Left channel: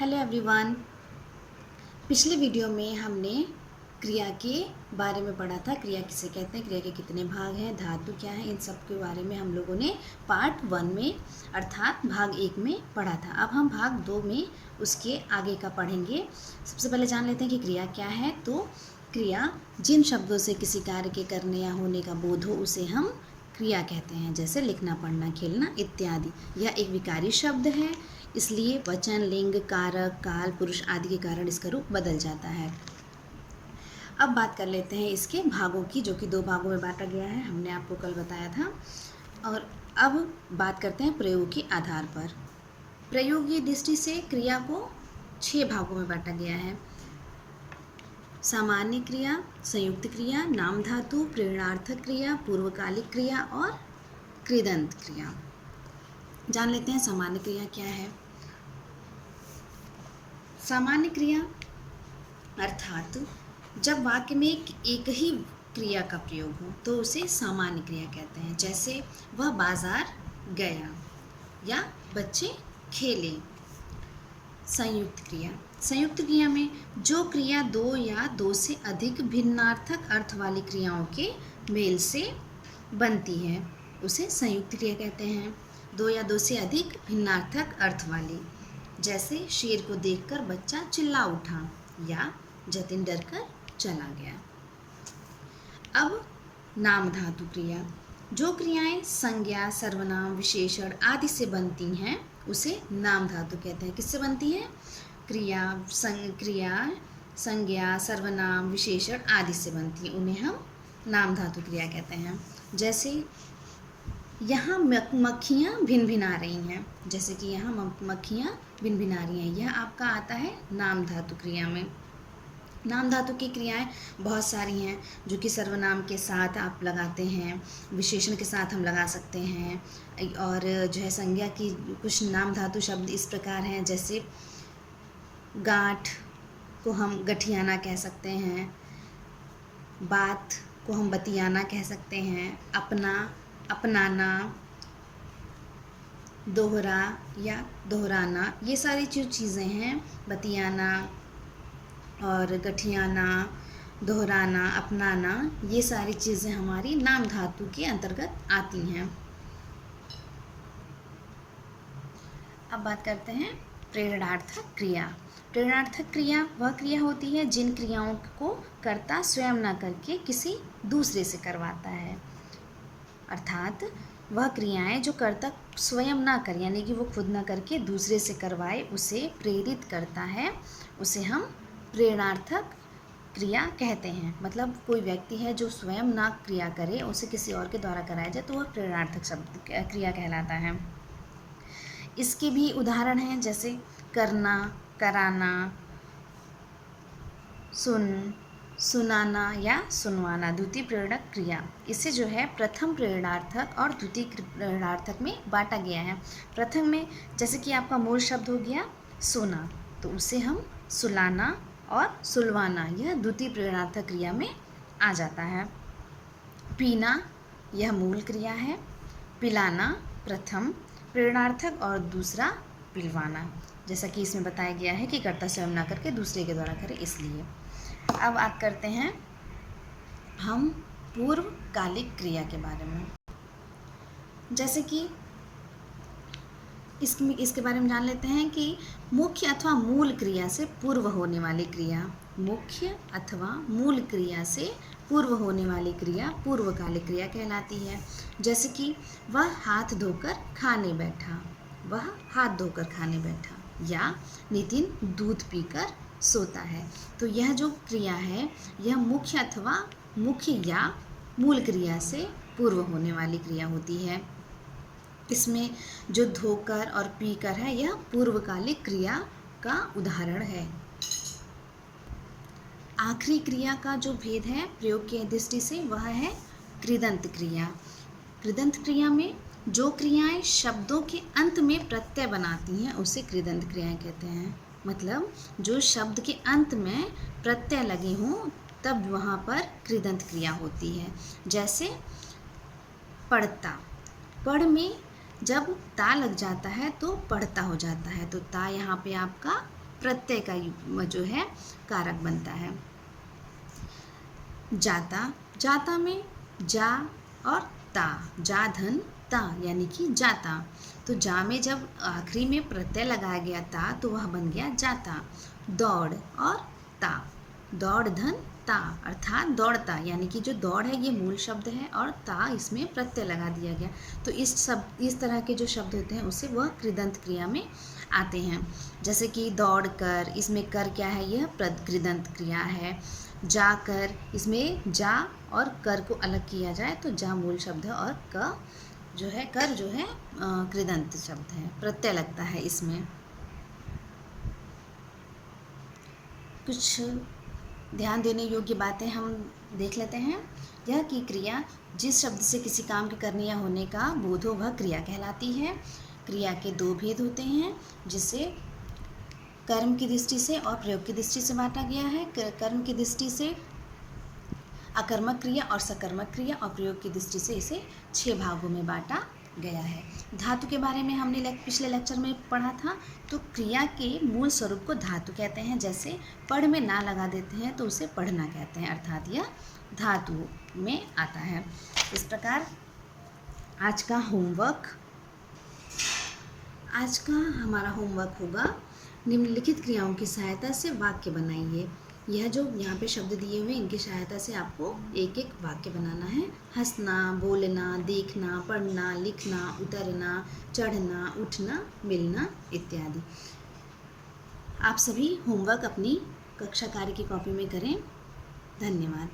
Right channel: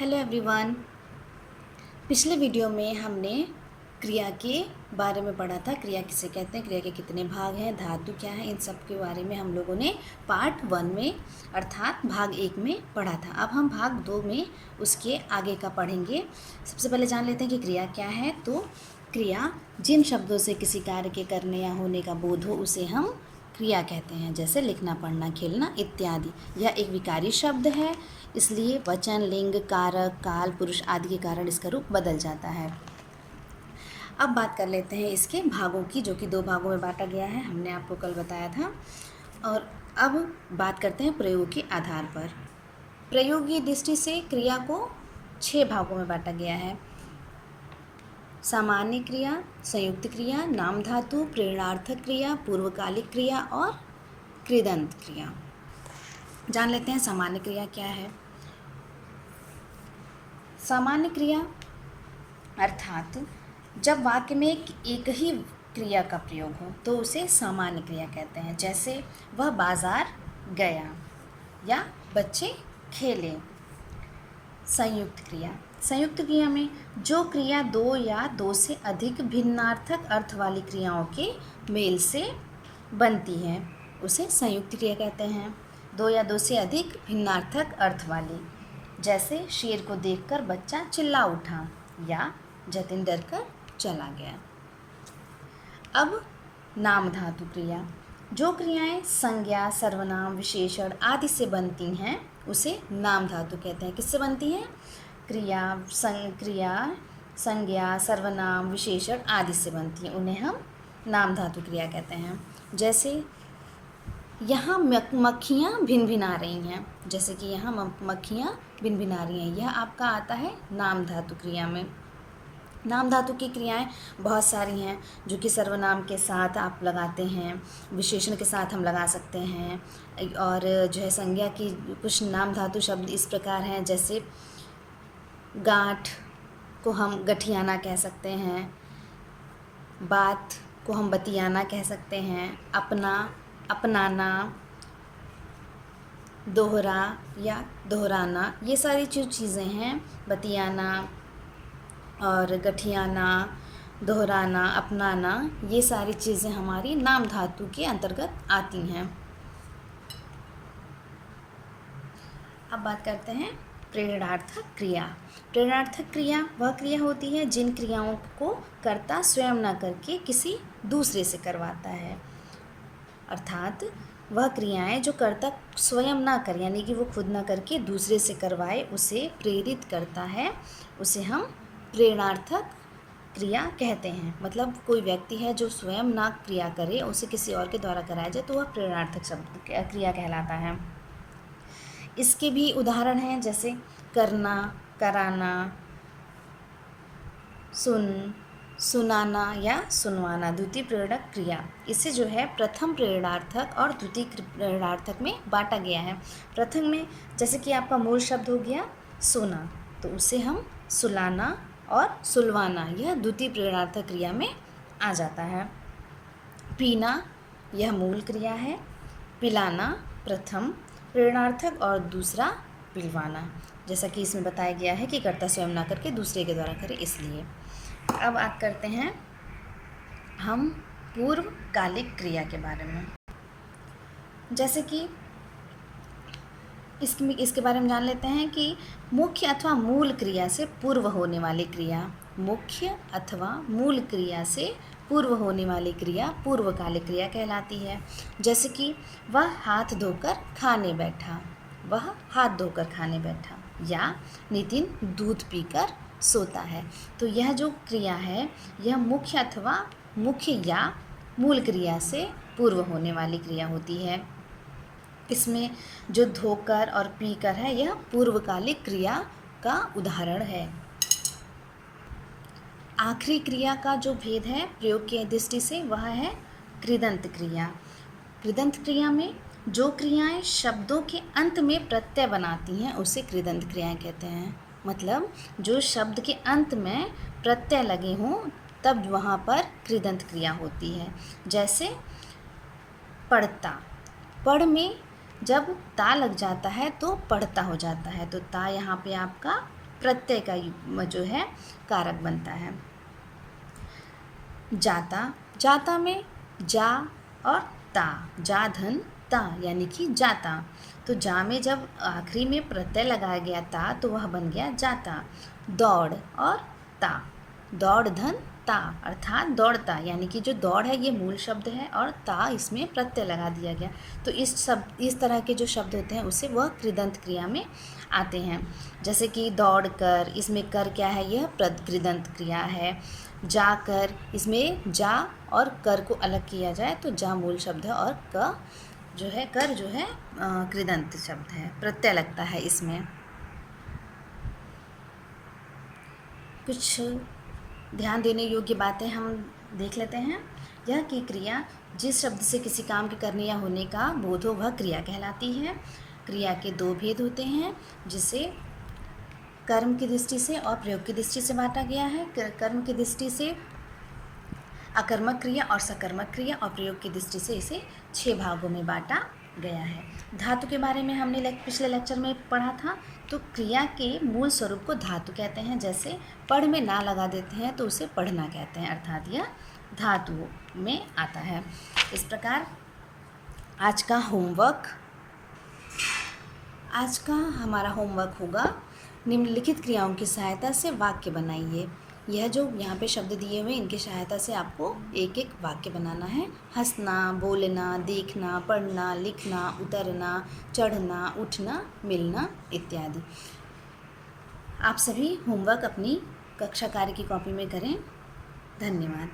Hello everyone. पिछले video में हमने क्रिया के बारे में पढ़ा था। क्रिया किसे कहते हैं, क्रिया के कितने भाग हैं, धातु क्या है, इन सब के बारे में हम लोगों ने पार्ट 1 में अर्थात भाग 1 में पढ़ा था। अब हम भाग 2 में उसके आगे का पढ़ेंगे। सबसे पहले जान लेते हैं कि क्रिया क्या है। तो क्रिया जिन शब्दों से किसी कार्य के करने या होने का बोध हो उसे हम क्रिया कहते हैं, जैसे लिखना, पढ़ना, खेलना इत्यादि। यह एक विकारी शब्द है, इसलिए वचन, लिंग, कारक, काल, पुरुष आदि के कारण इसका रूप बदल जाता है। अब बात कर लेते हैं इसके भागों की, जो कि 2 भागों में बांटा गया है, हमने आपको कल बताया था। और अब बात करते हैं प्रयोग के आधार पर। प्रयोगीय दृष्टि से क्रिया को 6 भागों में बांटा गया है। सामान्य क्रिया, संयुक्त क्रिया, नाम धातु, प्रेरणार्थक क्रिया, पूर्वकालिक क्रिया और कृदंत क्रिया। जान लेते हैं सामान्य क्रिया क्या है। सामान्य क्रिया अर्थात जब वाक्य में एक ही क्रिया का प्रयोग हो तो उसे सामान्य क्रिया कहते हैं। जैसे वह बाजार गया या बच्चे खेले। संयुक्त क्रिया, संयुक्त क्रिया में जो क्रिया 2 या 2 से अधिक भिन्नार्थक अर्थ वाली क्रियाओं के मेल से बनती है उसे संयुक्त क्रिया कहते हैं। 2 या 2 से अधिक भिन्नार्थक अर्थ वाली, जैसे शेर को देखकर बच्चा चिल्ला उठा या जतिन डरकर चला गया। अब नाम धातु क्रिया, जो क्रियाएं संज्ञा, सर्वनाम, विशेषण आदि से बनती हैं उसे नाम धातु कहते हैं। किससे बनती हैं? क्रिया संज्ञा, सर्वनाम, विशेषण आदि से बनती हैं, उन्हें हम नाम धातु क्रिया कहते हैं। जैसे यहाँ मक्खियाँ भिन भिन आ रही हैं, जैसे कि यहाँ मक्खियाँ भिन भिन आ रही हैं, यह आपका आता है नाम धातु क्रिया में। नाम धातु की क्रियाएं बहुत सारी हैं, जो कि सर्वनाम के साथ आप लगाते हैं, विशेषण के साथ हम लगा सकते हैं। और जो है संज्ञा की कुछ नाम धातु शब्द इस प्रकार हैं, जैसे गांठ को हम गठियाना कह सकते हैं, बात को हम बतियाना कह सकते हैं, अपना, अपनाना, दोहरा या दोहराना, ये सारी जो चीज़ें हैं, बतियाना और गठियाना, दोहराना, अपनाना, ये सारी चीज़ें हमारी नाम धातु के अंतर्गत आती हैं। अब बात करते हैं प्रेरणार्थक क्रिया। प्रेरणार्थक क्रिया वह क्रिया होती है जिन क्रियाओं को कर्ता स्वयं न करके किसी दूसरे से करवाता है। अर्थात वह क्रियाएं जो कर्ता स्वयं ना करे, यानी कि वो खुद ना करके दूसरे से करवाए, उसे प्रेरित करता है, उसे हम प्रेरणार्थक क्रिया कहते हैं। मतलब कोई व्यक्ति है जो स्वयं ना क्रिया करे, उसे किसी और के द्वारा कराया जाए तो वह प्रेरणार्थक शब्द क्रिया कहलाता है। इसके भी उदाहरण हैं, जैसे करना, कराना, सुनाना या सुनवाना। द्वितीय प्रेरक क्रिया, इसे जो है प्रथम प्रेरणार्थक और द्वितीय प्रेरणार्थक में बांटा गया है। प्रथम में जैसे कि आपका मूल शब्द हो गया सोना, तो उसे हम सुलाना और सुलवाना, यह द्वितीय प्रेरणार्थक क्रिया में आ जाता है। पीना यह मूल क्रिया है, पिलाना प्रथम प्रेरणार्थक और दूसरा पिलवाना, जैसा कि इसमें बताया गया है कि कर्ता स्वयं ना करके दूसरे के द्वारा करे, इसलिए। अब बात करते हैं हम पूर्वकालिक क्रिया के बारे में। जैसे कि इसके बारे में जान लेते हैं कि मुख्य अथवा मूल क्रिया से पूर्व होने वाली क्रिया, मुख्य अथवा मूल क्रिया से पूर्व होने वाली क्रिया पूर्वकालिक क्रिया कहलाती है। जैसे कि वह हाथ धोकर खाने बैठा, वह हाथ धोकर खाने बैठा, या नितिन दूध पीकर सोता है। तो यह जो क्रिया है यह मुख्य अथवा मुख्य या मूल क्रिया से पूर्व होने वाली क्रिया होती है। इसमें जो धोकर और पीकर है यह पूर्वकालिक क्रिया का उदाहरण है। आखिरी क्रिया का जो भेद है प्रयोग की दृष्टि से वह है कृदंत क्रिया। कृदंत क्रिया में जो क्रियाएं शब्दों के अंत में प्रत्यय बनाती हैं उसे कृदंत क्रियाएं कहते हैं। मतलब जो शब्द के अंत में प्रत्यय लगे हों तब वहाँ पर कृदंत क्रिया होती है। जैसे पढ़ता, पढ़ में जब ता लग जाता है तो पढ़ता हो जाता है, तो ता यहाँ पे आपका प्रत्यय का जो है कारक बनता है। जाता, जाता में जा और ता, जा धन ता यानी कि जाता। तो जा में जब आखिरी में प्रत्यय लगाया गया ता तो वह बन गया जाता। दौड़ और ता, दौड़ धन ता अर्थात दौड़ता, यानी कि जो दौड़ है ये मूल शब्द है और ता इसमें प्रत्यय लगा दिया गया। तो इस तरह के जो शब्द होते हैं उसे वह कृदंत क्रिया में आते हैं। जैसे कि दौड़ कर, इसमें कर क्या है, यह कृदंत क्रिया है। जाकर, इसमें जा और कर को अलग किया जाए तो जा मूल शब्द है और कर जो है कृदंत शब्द है, प्रत्यय लगता है इसमें। कुछ ध्यान देने योग्य बातें हम देख लेते हैं। यह कि क्रिया जिस शब्द से किसी काम के करने या होने का बोध हो वह क्रिया कहलाती है। क्रिया के दो भेद होते हैं जिसे कर्म की दृष्टि से और प्रयोग की दृष्टि से बांटा गया है। कर्म की दृष्टि से अकर्मक क्रिया और सकर्मक क्रिया, और प्रयोग की दृष्टि से इसे 6 भागों में बांटा गया है। धातु के बारे में हमने पिछले लेक्चर में पढ़ा था। तो क्रिया के मूल स्वरूप को धातु कहते हैं। जैसे पढ़ में ना लगा देते हैं तो उसे पढ़ना कहते हैं, अर्थात यह धातु में आता है। इस प्रकार आज का हमारा होमवर्क होगा, निम्नलिखित क्रियाओं की सहायता से वाक्य बनाइए। यह जो यहाँ पे शब्द दिए हुए इनकी सहायता से आपको एक एक वाक्य बनाना है। हंसना, बोलना, देखना, पढ़ना, लिखना, उतरना, चढ़ना, उठना, मिलना इत्यादि। आप सभी होमवर्क अपनी कक्षा कार्य की कॉपी में करें। धन्यवाद।